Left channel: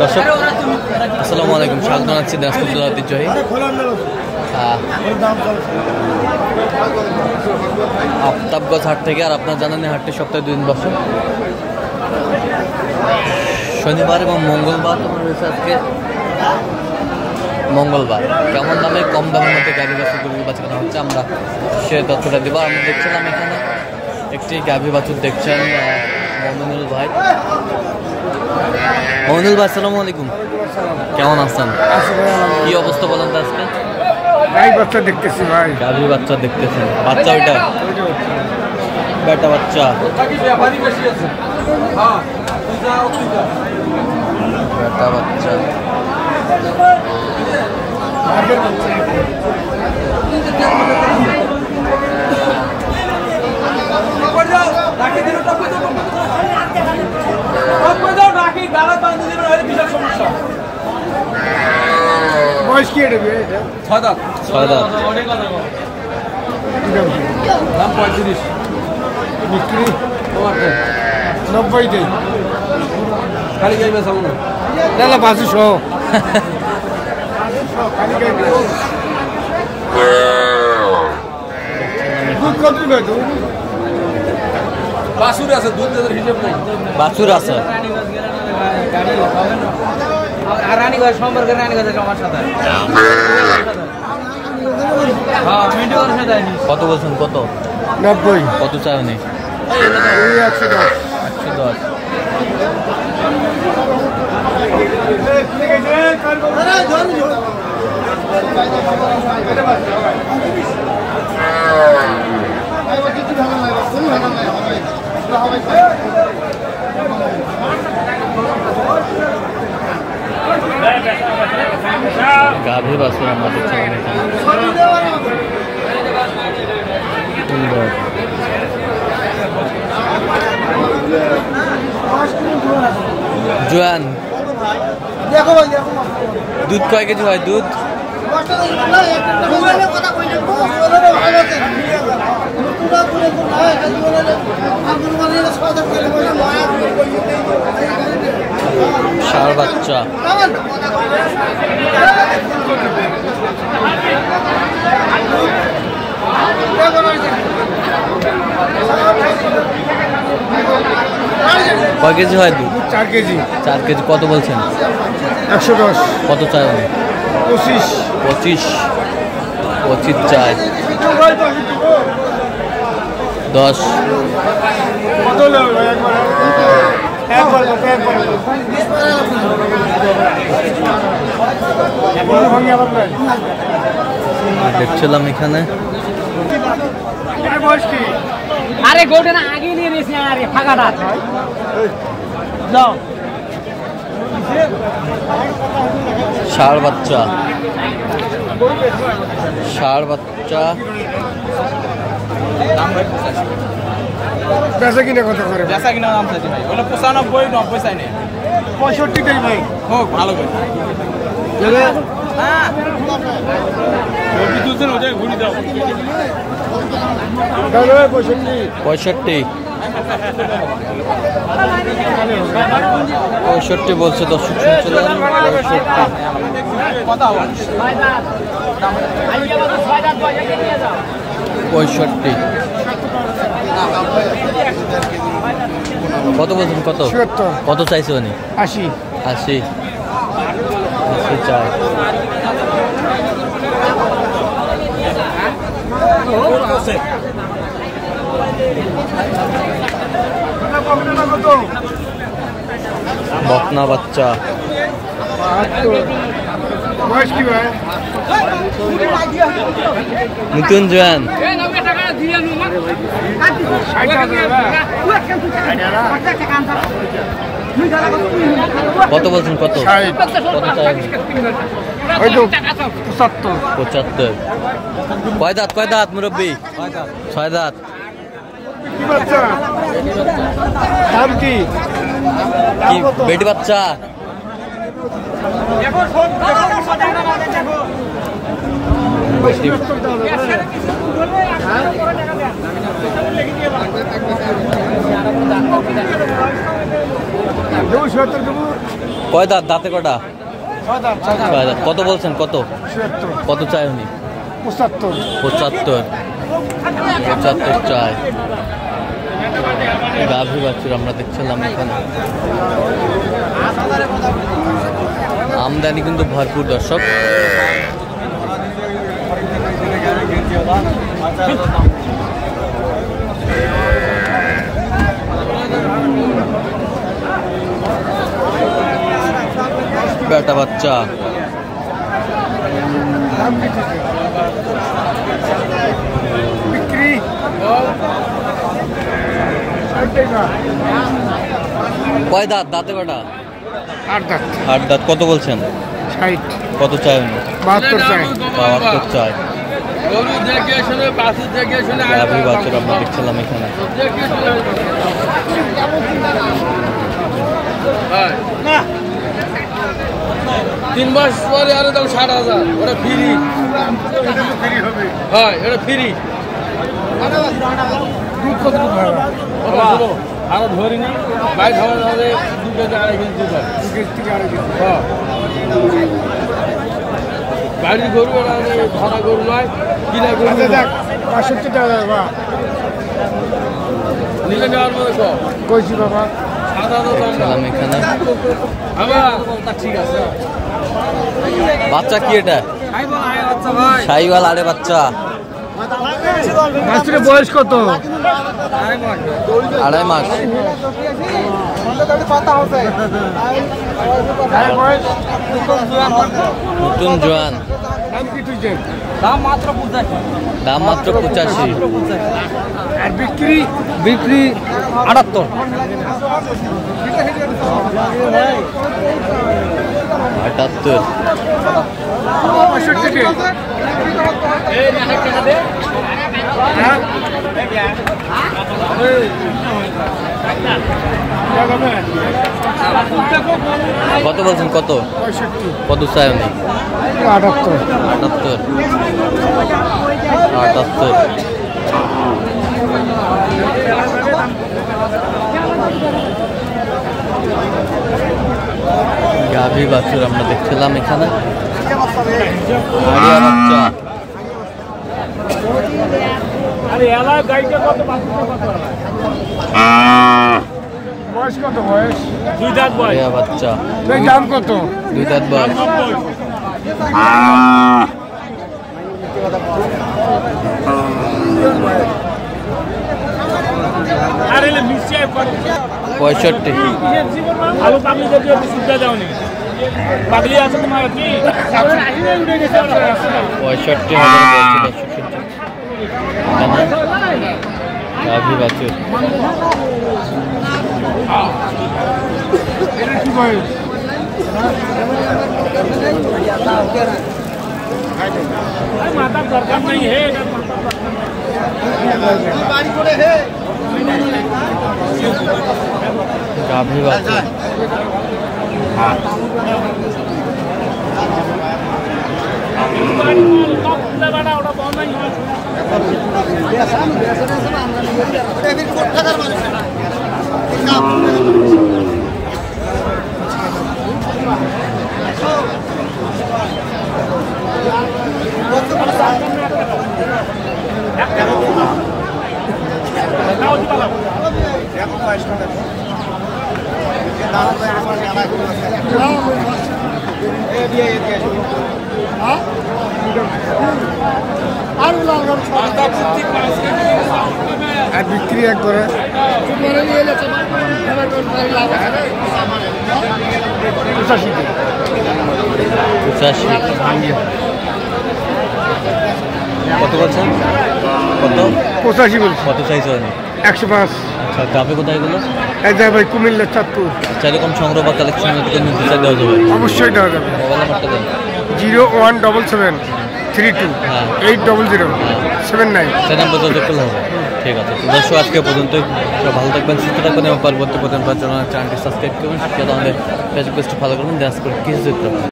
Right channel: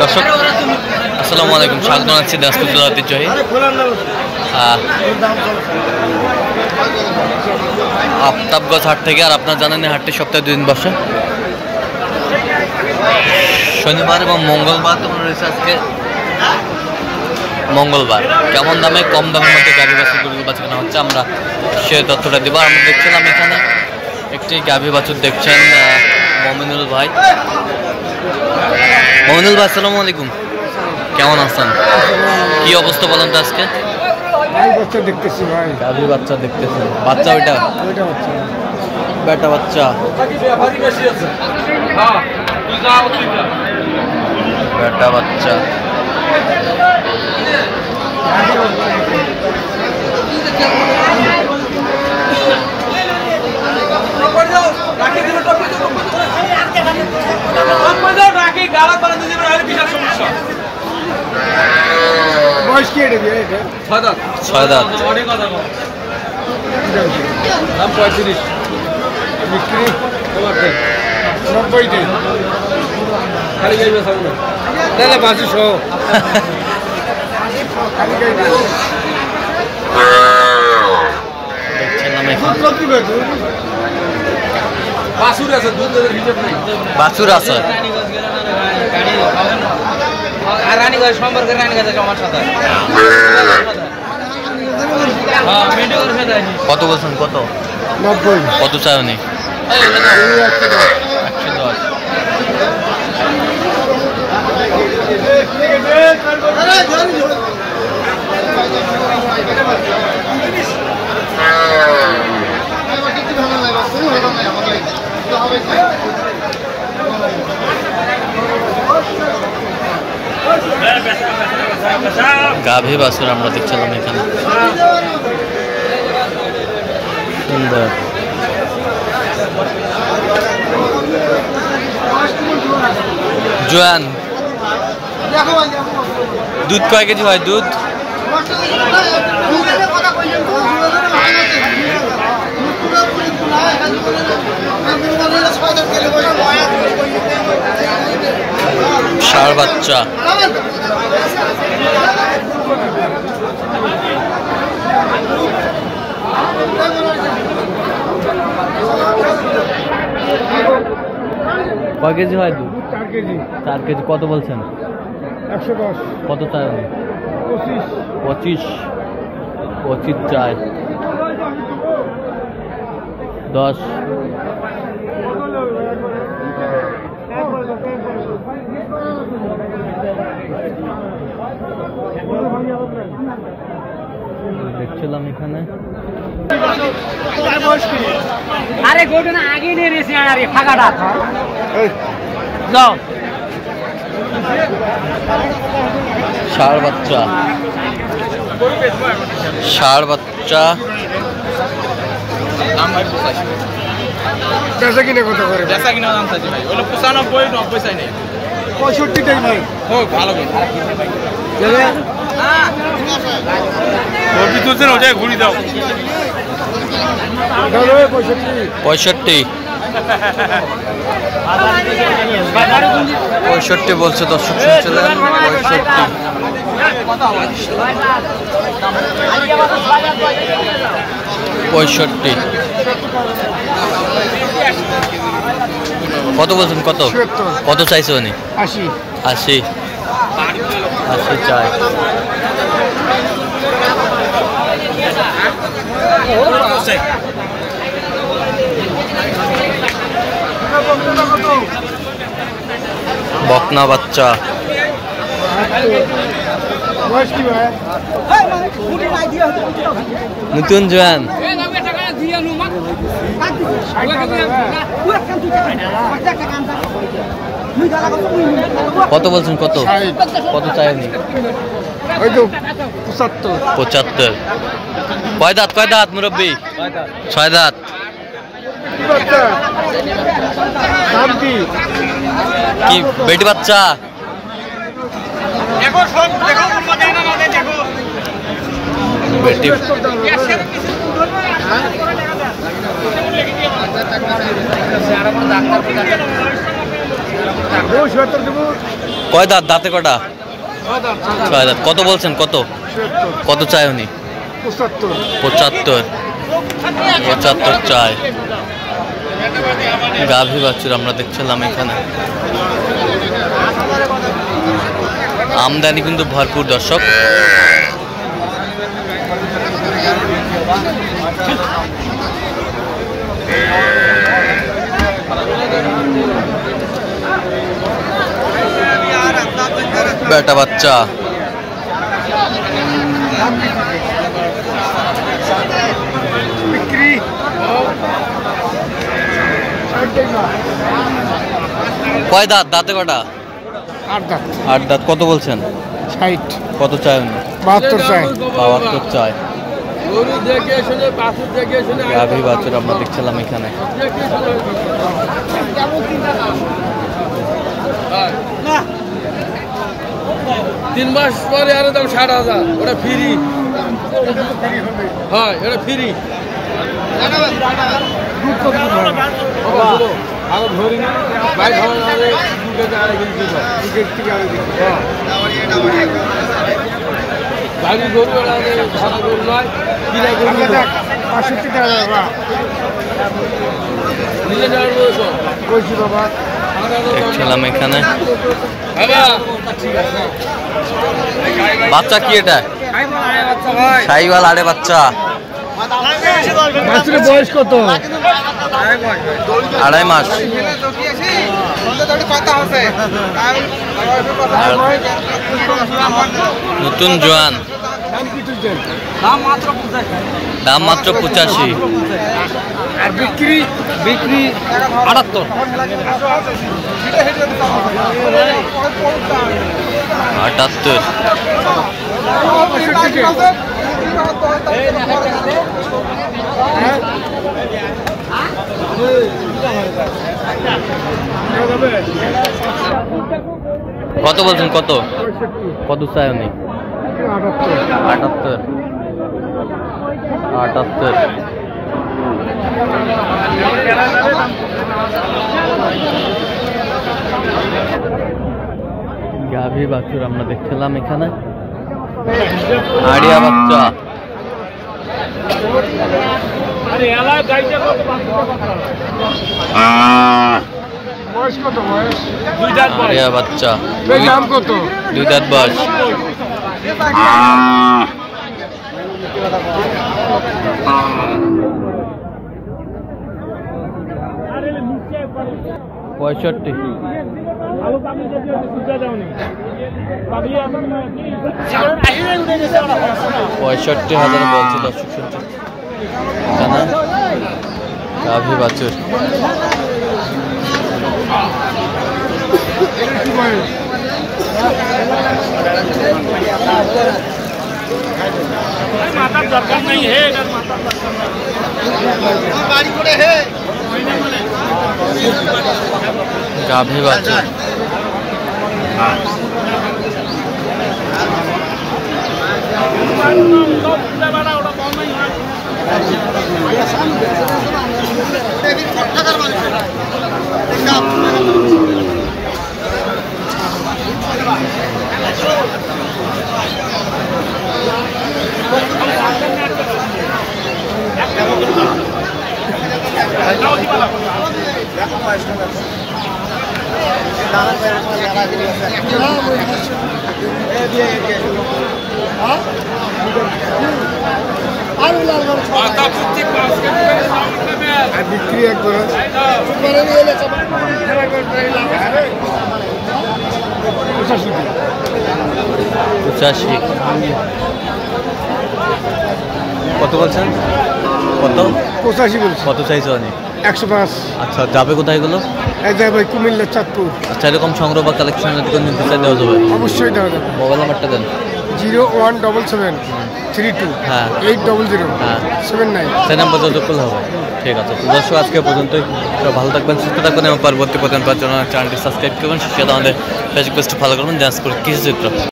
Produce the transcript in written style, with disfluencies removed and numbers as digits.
দর্শক আসসালামু আলাইকুম, স্বাগত জানাচ্ছি দিনাজপুর জেলা ঐতিহ্যবাহী আফতাবগঞ্জ হাট থেকে। আর আপনারা জানেন হাটটি সপ্তাহে 2 দিন বসে, শনিবার এবং মঙ্গলবার। তোমার রয়েছে আজকে মঙ্গলবার। কেমন দামে, কম দামের মধ্যে গাভী বাছুরগুলো বাছানো হচ্ছে আমরা সে তথ্যটা দেবো। আমরা দেখছিলাম এখানে একটি গাভী বাছুর দেখছেন মমিনুল ভাই। মমিনুল ভাই আসসালামু আলাইকুম, কেমন আছেন? কি অবস্থা বলেন তো আজকে? বাচ্চা দেখতেছি ভাই। গাভী বাচ্চা দেখতেছেন? বাচ্চা ওইটা বেটা বাচ্চা, বেটা বাচ্চা। ছয় দাঁত। বিক্রি 90 খালি গাইবে সব দাদা 500 খালি গাইবে দেখছেন না এখন বাছুর আছে, দুধ দেওয়ার হিসাব নেই। বাছুর আছে আর রানীগঞ্জ সম্পর্কে রানীগঞ্জ আমার সাথে কত বলছেন? কত? 90। কত চাই উনি? 110। গাভী বাছুর আমরা দেখছিলাম এখানে, সুন্দর। জোয়ান দুধ কয় কেজি হয়? দুধ ষাঁড় বাচ্চা। কয় কেজি হয় দুধ? 4 কেজি। 4 কেজি। কত বলছেন? 110। কত চাই? 25। 25 চাই। 10। দেখছিলাম এখানে আরে গোটা না আগে নিয়ে রেছে আরে ফাঁকাটা যাও। ষাঁড় বাচ্চা, ষাঁড় বাচ্চা। বেচা কিনা কত করে? বেচা কিনা দাম চাইছি ভাই, ওগুলো 95 90 চাই নাই। 65 টাকা ভাই। হোক ভালো করে তুলছেন ওটা ঘুরি দাও। 65 বলছে, দর্শক শুনছিলেন 65। কত বলছেন? কত? কত চাইছে উনি? 80 চাই। বকনা বাচ্চা। নতুন জোয়ান। কত বলছেন? কত? কত চাই? 75। কয় দাঁত? কয় দাঁত মুরব্বী? 6 দাঁত। কি বেটি বাচ্চা? বেটি কয় দাঁত? দাঁতে কটা? 6 দাঁত। কত বলছেন? কত কত চাই উনি? 75 চাই। গাভী বাছুর আমরা দেখছিলাম এখানে। আমদানি কিন্তু ভরপুর দর্শক। বেটা বাচ্চা বিক্রি কয় দাঁত? দাঁতে কটা? 8 দাঁত। 8 দাঁত। কত বলছেন? 60 কত চাই উনি? 72 চাই। 72 চাই। গাভী বাছুর আমরা দেখছিলাম এখানে। 3 মাস পরে আরো দাম 60,000। ওটা ফ্রি। হ্যাঁ, এটা ফ্রি। আগে ধরি না বাইক খাওয়া যাবে 2 কেজি আড়াই কেজি বাড়ি গরু ধরা গরু নয়, কিনা গরু 65 টাকা নিলে যাওয়ার মতো কইছি বাবা। দেখছিলাম এখানে। ঠিক আছে। বাচ্চা কি এটা? শাহিওয়াল আড়ে বাচ্চা। বয়স কত? 2.5 মাস। নতুন জোয়ান। দাম মাত্র 85। বিক্রি বিক্রি 78। 78। কত বলছেন? কত কত চাই উনি? 78। গাভী বাছুর আমরা দেখছিলাম এখানে। আড়িয়া বাচ্চা। বয়স কত? বয়স আড়িয়া বাচ্চা। দাম কত? 2 দাঁত বয়স। পঁয়ষট্টি। 65,000 বলছে দর্শক শুনছে এখানে। গাভী বাছুর। কি বয়স? মাথার দরকার নেই। হে গাভী বাছুর। বিক্রি একবারে 85। কত বলছেন? কত? 85 বলছি। কত চাইছো উনি? 105। আচ্ছা, যাবে কোথায় এগুলো? এই যাই ভাই কুমিল্লা চাঁদপুর। আচ্ছা, এরকম সংগ্রহ বা কালেকশন যদি কোনো নিতে চাই দেওয়া যাবে? অবশ্যই দেওয়া যাবে। মোবাইল নাম্বারটা দেন। 01772 হ্যাঁ 800 হ্যাঁ 79। সেই নাম্বার যোগাযোগ করলে হবে। ঠিক আছে, তো দর্শক আজকে পর্যন্তই। সব ভালো থাকবেন, সুস্থ থাকবেন এবং পরবর্তী পর্যন্ত চ্যানেলটি সাবস্ক্রাইব করবেন। সেটা আমাদের ফেসবুক পেজটি ফলো করবেন। ডান্স করে কিছু চিত্র।